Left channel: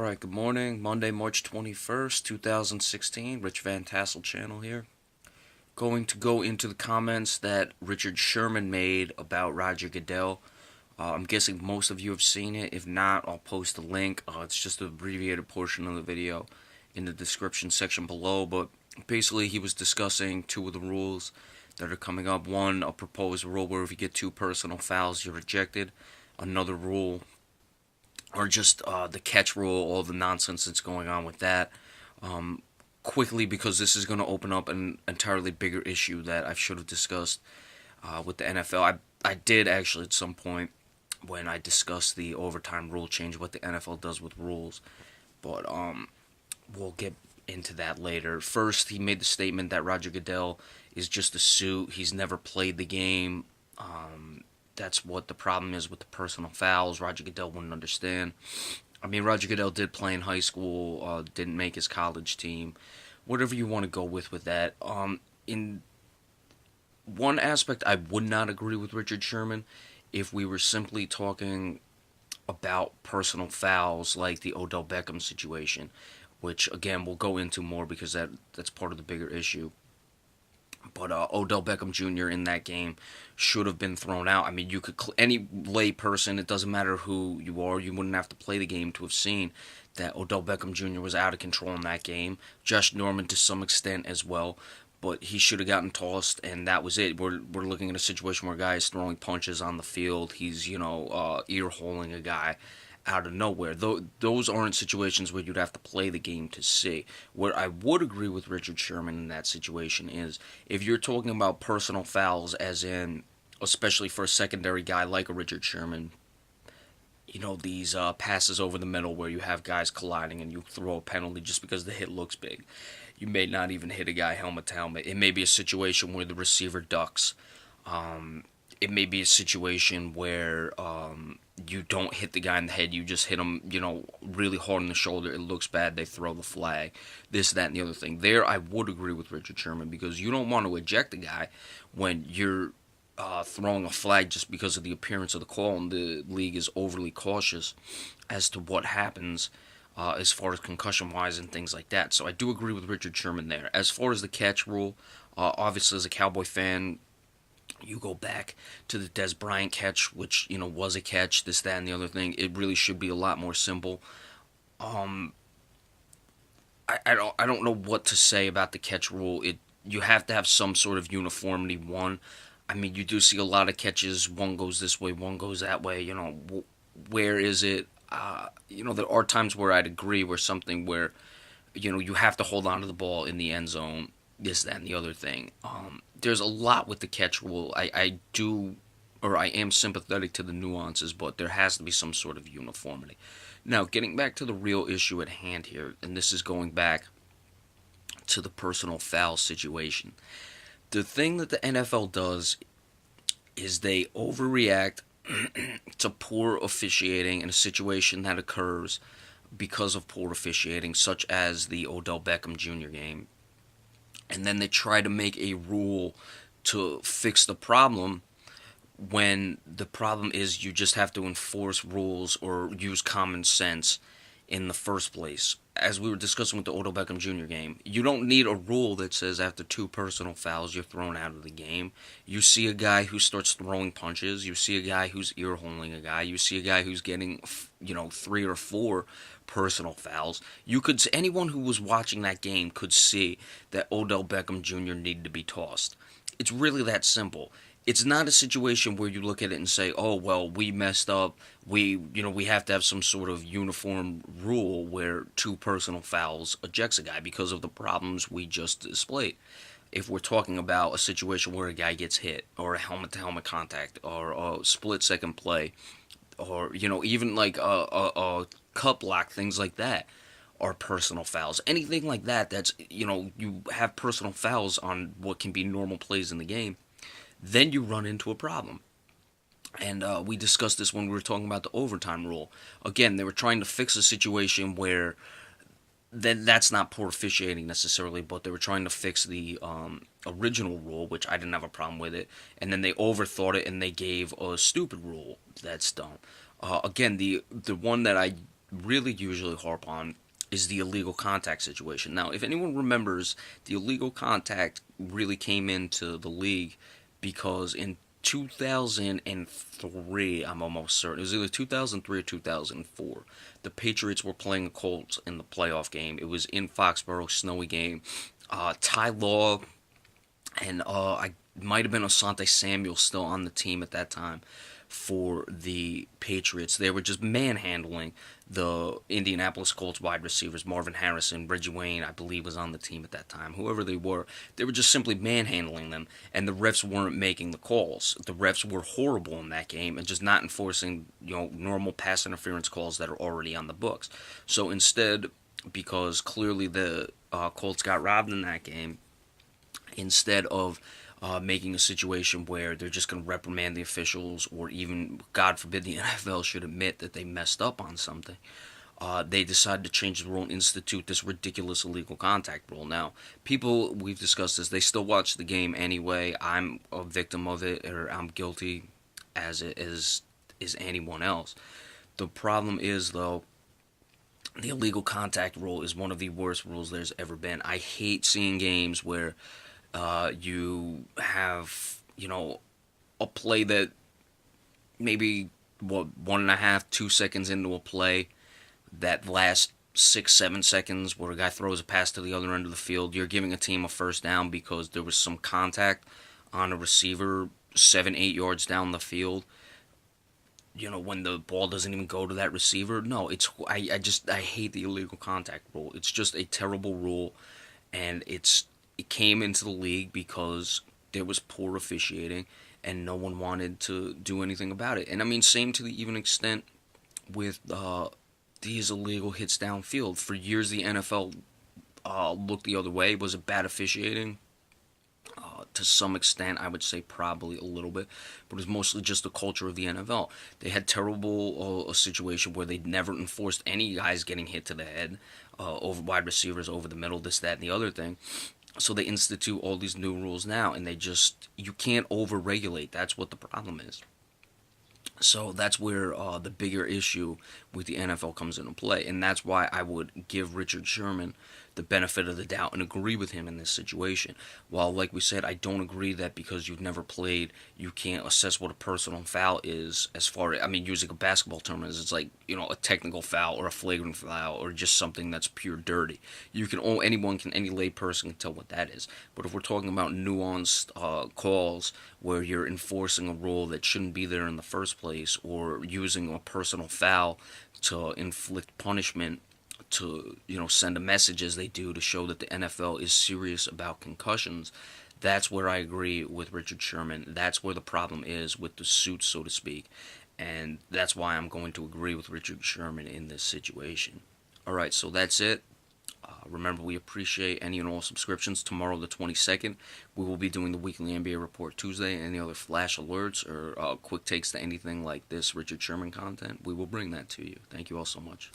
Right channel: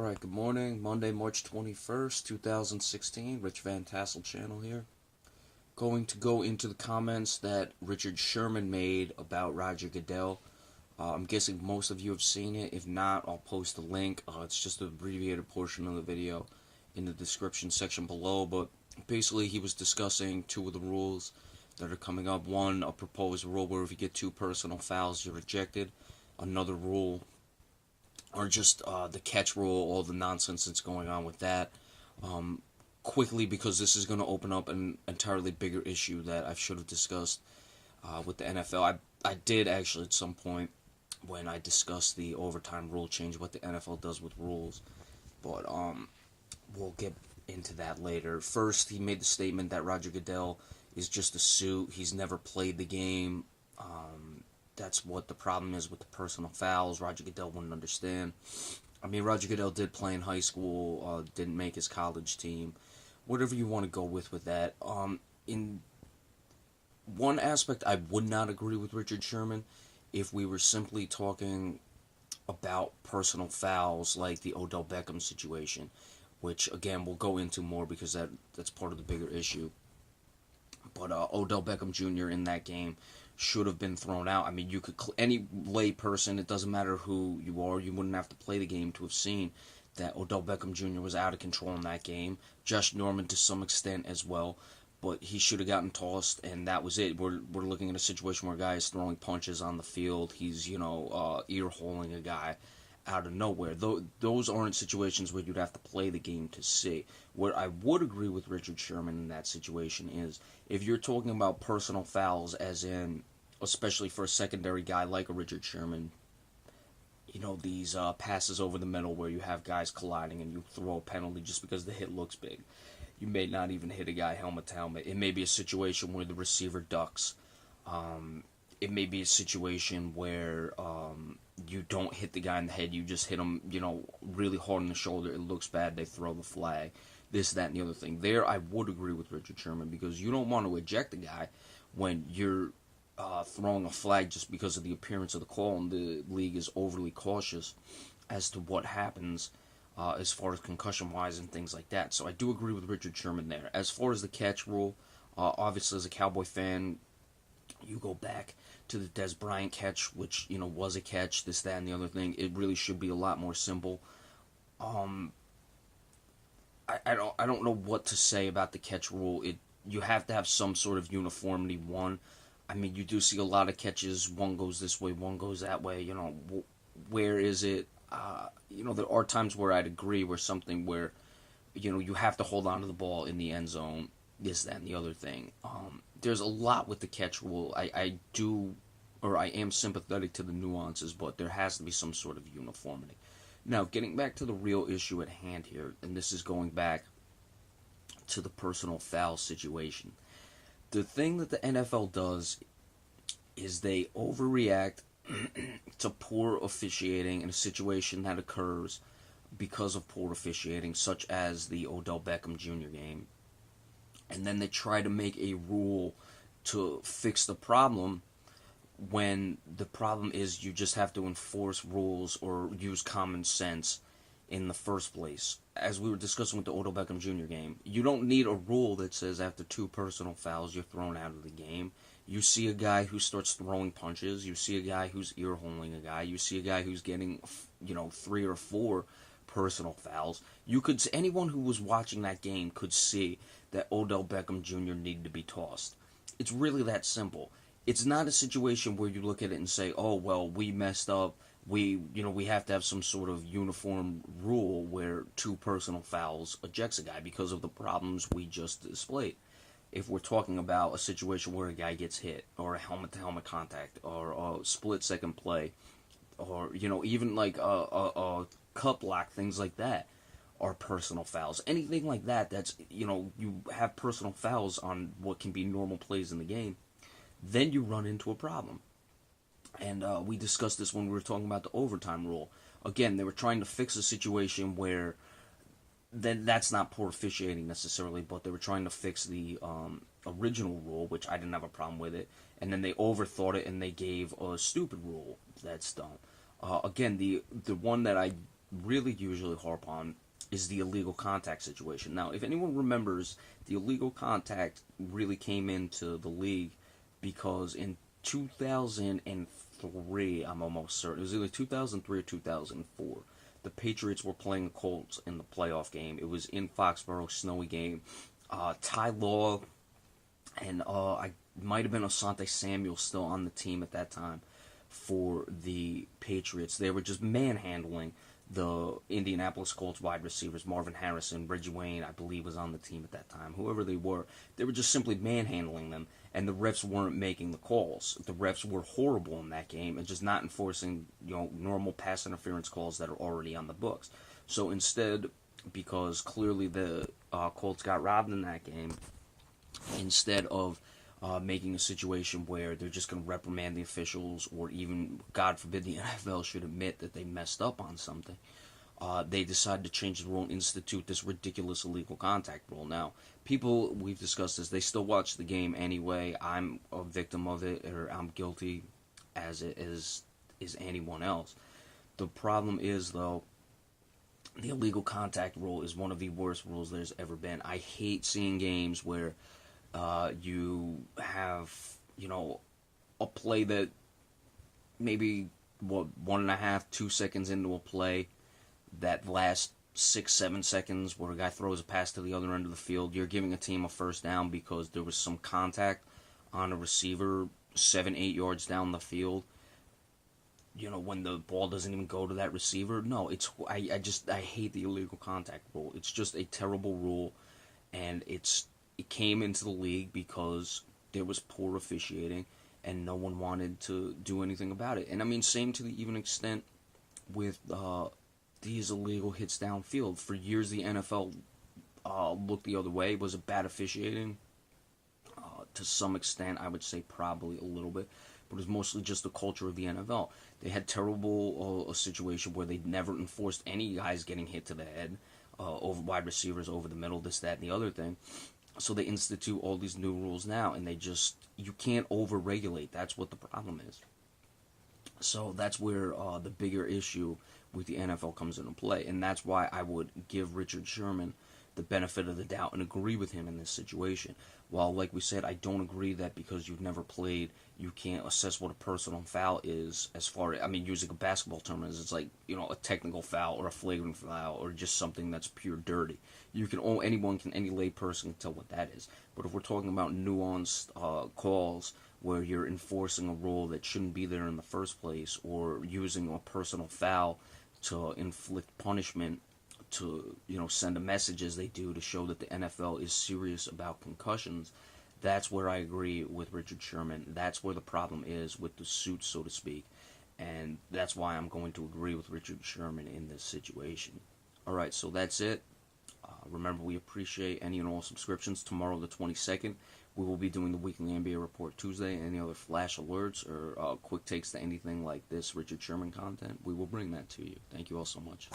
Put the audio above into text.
Alright, good morning. Monday, March 21st, 2016. Rich Van Tassel channel here. Going to go into the comments that Richard Sherman made about Roger Goodell. I'm guessing most of you have seen it. If not, I'll post a link. It's just an abbreviated portion of the video in the description section below. But basically, he was discussing two of the rules that are coming up. One, a proposed rule where if you get two personal fouls, you're ejected. Another rule, or just the catch rule, all the nonsense that's going on with that. Quickly, because this is going to open up an entirely bigger issue that I should have discussed with the NFL. I did actually at some point when I discussed the overtime rule change, what the NFL does with rules. But we'll get into that later. First, he made the statement that Roger Goodell is just a suit. He's never played the game. That's what the problem is with the personal fouls. Roger Goodell wouldn't understand. I mean, Roger Goodell did play in high school, didn't make his college team. Whatever you want to go with that. In one aspect, I would not agree with Richard Sherman if we were simply talking about personal fouls like the Odell Beckham situation, which, again, we'll go into more because that's part of the bigger issue. But Odell Beckham Jr. in that game should have been thrown out. I mean, you could any lay person, it doesn't matter who you are, you wouldn't have to play the game to have seen that Odell Beckham Jr. was out of control in that game. Josh Norman to some extent as well, but he should have gotten tossed, and that was it. We're looking at a situation where a guy is throwing punches on the field. He's ear-holing a guy out of nowhere. Those aren't situations where you'd have to play the game to see. Where I would agree with Richard Sherman in that situation is if you're talking about personal fouls, as in, especially for a secondary guy like a Richard Sherman, these passes over the middle where you have guys colliding and you throw a penalty just because the hit looks big. You may not even hit a guy helmet to helmet. It may be a situation where the receiver ducks. It may be a situation where you don't hit the guy in the head, you just hit him, really hard on the shoulder. It looks bad, they throw the flag. This, that, and the other thing. There, I would agree with Richard Sherman because you don't want to eject a guy when you're throwing a flag just because of the appearance of the call, and the league is overly cautious as to what happens as far as concussion-wise and things like that. So I do agree with Richard Sherman there. As far as the catch rule, obviously as a Cowboy fan, you go back to the Dez Bryant catch, which was a catch. This, that, and the other thing. It really should be a lot more simple. I don't know what to say about the catch rule. You have to have some sort of uniformity. One, I mean, you do see a lot of catches. One goes this way, one goes that way. Where is it? There are times where I'd agree where something where you have to hold on to the ball in the end zone. This, that, and the other thing. There's a lot with the catch rule. I am sympathetic to the nuances, but there has to be some sort of uniformity. Now, getting back to the real issue at hand here, and this is going back to the personal foul situation. The thing that the NFL does is they overreact to poor officiating in a situation that occurs because of poor officiating, such as the Odell Beckham Jr. game. And then they try to make a rule to fix the problem when the problem is you just have to enforce rules or use common sense in the first place. As we were discussing with the Odell Beckham Jr. game, you don't need a rule that says after two personal fouls you're thrown out of the game. You see a guy who starts throwing punches. You see a guy who's ear-holing a guy. You see a guy who's getting, 3 or 4 personal fouls. Anyone who was watching that game could see that Odell Beckham Jr. needed to be tossed. It's really that simple. It's not a situation where you look at it and say, "Oh, well, we messed up. We have to have some sort of uniform rule where two personal fouls ejects a guy because of the problems we just displayed." If we're talking about a situation where a guy gets hit, or a helmet-to-helmet contact, or a split-second play, or even like a cup block, things like that are personal fouls. Anything like that, that's you have personal fouls on what can be normal plays in the game, then you run into a problem. And we discussed this when we were talking about the overtime rule. Again, they were trying to fix a situation where that's not poor officiating necessarily, but they were trying to fix the original rule, which I didn't have a problem with it, and then they overthought it and they gave a stupid rule that's dumb. Again, the one that I really usually harp on is the illegal contact situation. Now, if anyone remembers, the illegal contact really came into the league because in 2003, I'm almost certain, it was either 2003 or 2004, the Patriots were playing the Colts in the playoff game. It was in Foxborough, snowy game. Ty Law and I might have been Asante Samuel still on the team at that time for the Patriots. They were just manhandling the Indianapolis Colts wide receivers. Marvin Harrison, Reggie Wayne, I believe, was on the team at that time. Whoever they were just simply manhandling them, and the refs weren't making the calls. The refs were horrible in that game and just not enforcing, normal pass interference calls that are already on the books. So instead, because clearly the Colts got robbed in that game, instead of making a situation where they're just going to reprimand the officials, or even, God forbid, the NFL should admit that they messed up on something, they decided to change the rule and institute this ridiculous illegal contact rule. Now, people, we've discussed this, they still watch the game anyway. I'm a victim of it, or I'm guilty as it is anyone else. The problem is, though, the illegal contact rule is one of the worst rules there's ever been. I hate seeing games where you have, a play that maybe, 1.5, 2 seconds into a play, that last 6, 7 seconds where a guy throws a pass to the other end of the field, you're giving a team a first down because there was some contact on a receiver 7, 8 yards down the field. When the ball doesn't even go to that receiver. No, I hate the illegal contact rule. It's just a terrible rule, and it came into the league because there was poor officiating and no one wanted to do anything about it. And I mean, same to the even extent with these illegal hits downfield. For years, the NFL looked the other way. Was it bad officiating? To some extent, I would say probably a little bit, but it was mostly just the culture of the NFL. They had terrible a situation where they never enforced any guys getting hit to the head, over wide receivers, over the middle, this, that, and the other thing. So they institute all these new rules now, and you can't over-regulate. That's what the problem is. So that's where the bigger issue with the NFL comes into play, and that's why I would give Richard Sherman the benefit of the doubt and agree with him in this situation. While, like we said, I don't agree that because you've never played, you can't assess what a personal foul is. As far as, I mean, using a basketball term, it's like, a technical foul or a flagrant foul or just something that's pure dirty. Any lay person can tell what that is. But if we're talking about nuanced calls where you're enforcing a rule that shouldn't be there in the first place, or using a personal foul to inflict punishment, to send a message as they do to show that the NFL is serious about concussions, that's where I agree with Richard Sherman. That's where the problem is with the suit, so to speak, and that's why I'm going to agree with Richard Sherman in this situation. Alright, so that's it. Remember, we appreciate any and all subscriptions. Tomorrow, the 22nd, we will be doing the weekly NBA report Tuesday. Any other flash alerts or quick takes to anything like this Richard Sherman content, we will bring that to you. Thank you all so much.